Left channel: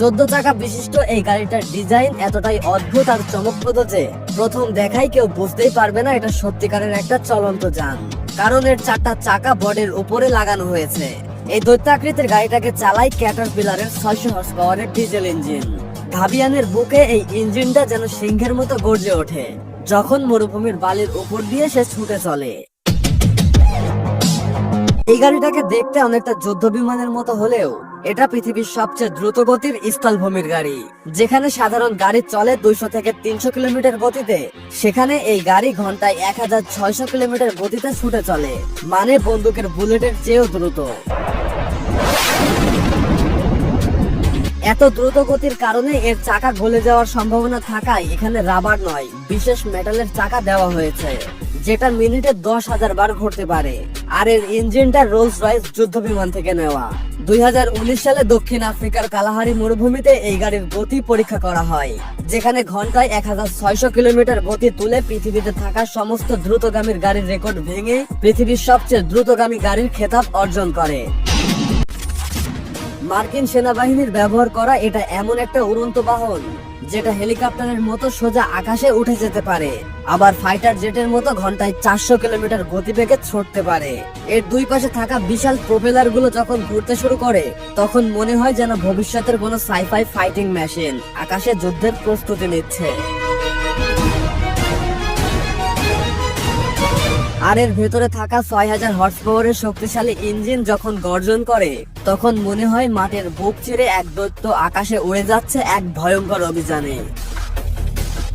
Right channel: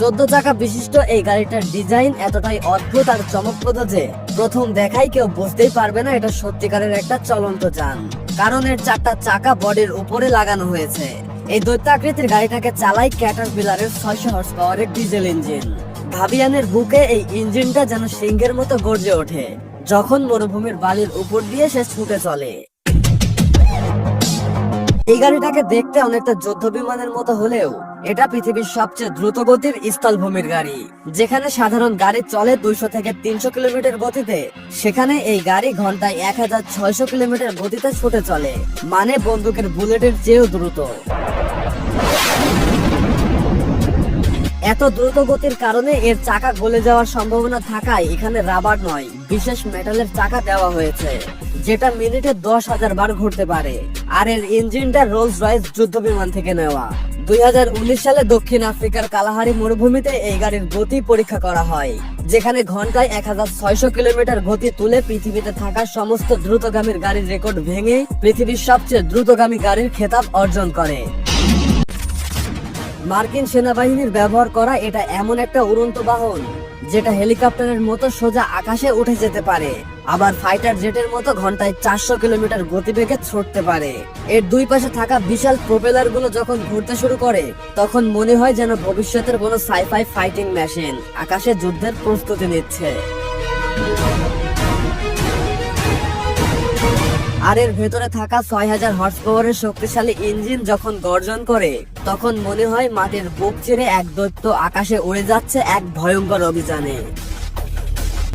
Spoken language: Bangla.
14 চাকা বিশিষ্ট এই গাড়িটার ডিজাইন এতটাই অদ্ভুত আর চমকপ্রদ যে প্রথম দেখাই কেউ বুঝতেই পারবে না এটা সত্যিকারের একটা চলন্ত যান, কারণ এর 4টা চাকা বডির উপরে লাগানো হয়েছে। এই দৈত্যাকৃতির গাড়িটাকে চালায় ক্যাটারপিলারের 600 হর্স পাওয়ারের ডিজেল ইঞ্জিন। ঘাবিয়ানের বুকে এই ইঞ্জিনটা যেন সিংহের মতো গর্জে ওঠে যখন মরুভূমির বালির উপর দিয়ে সে ছুটে চলে। এই গাড়িটাকে দেখতে অনেকটা যুদ্ধ বিমানের মতো হলেও এটা পৃথিবীর সবচেয়ে দ্রুতগতির স্থলভূমির গাড়ি। যেখানে সাধারণ গাড়ি চলে 200 থেকে 300 কিলোমিটার গতিতে, সেখানে এই গাড়ি ঘন্টায় 1600 কিলোমিটার গতিতে ছুটে চলে, মানে বন্দুকের বুলেটের চেয়েও দ্রুত। এত দ্রুত গতির কারণে এর চাকা গলে যাওয়ার সম্ভাবনা থাকায় এখানে রাবার নয়, বিশেষ মেটালের চাকা দেওয়া হয়েছে, যেটা মিনিটে 10,000 বার ঘুরতে পারে। আর এর ইঞ্জিনটা রোলস রয়েস যুদ্ধ বিমান থেকে নেওয়া। 2019 সালে দক্ষিণ আফ্রিকার কালাহারি মরুভূমিতে এই গাড়ির গতি পরীক্ষা করা হয়, যেখানে ঘন্টায় 1600 কিলোমিটার গতি তুলে পৃথিবীতে থাকা সমস্ত দ্রুতগামীর গাড়ির রেকর্ড ভেঙে পৃথিবীর সবচেয়ে দ্রুতগামী গাড়ির খেতাব অর্জন করে। মার্কিন সেনাবাহিনীর ব্যবহার করা এটা এমন একটা উড়ন্ত বাহন যেটা হেলিকপ্টারের মতো সোজা আকাশে উঠে যেতে পারে, আবার ফাইটার জেটের মতো ঘন্টায় 400 কিলোমিটার গতিবেগে ছুটতে পারে। এর দুই পাশে থাকা বিশাল প্রোপেলার গুলো যখন ঘুরতে শুরু করে তখন মনে হয় যেন ভবিষ্যতের কোনো সাইফাই ফাইটিং মেশিন আকাশে যুদ্ধের প্রস্তুতি নিচ্ছে। আর এর ভেতরে থাকা 6000 হর্স পাওয়ারের শক্তিশালী ইঞ্জিন যখন গর্জন করে তখন মনে হয় মাটির বুক চিরে এক দৈত্য আকাশে উড়ে যাচ্ছে এক ভয়ঙ্কর অভিযানে।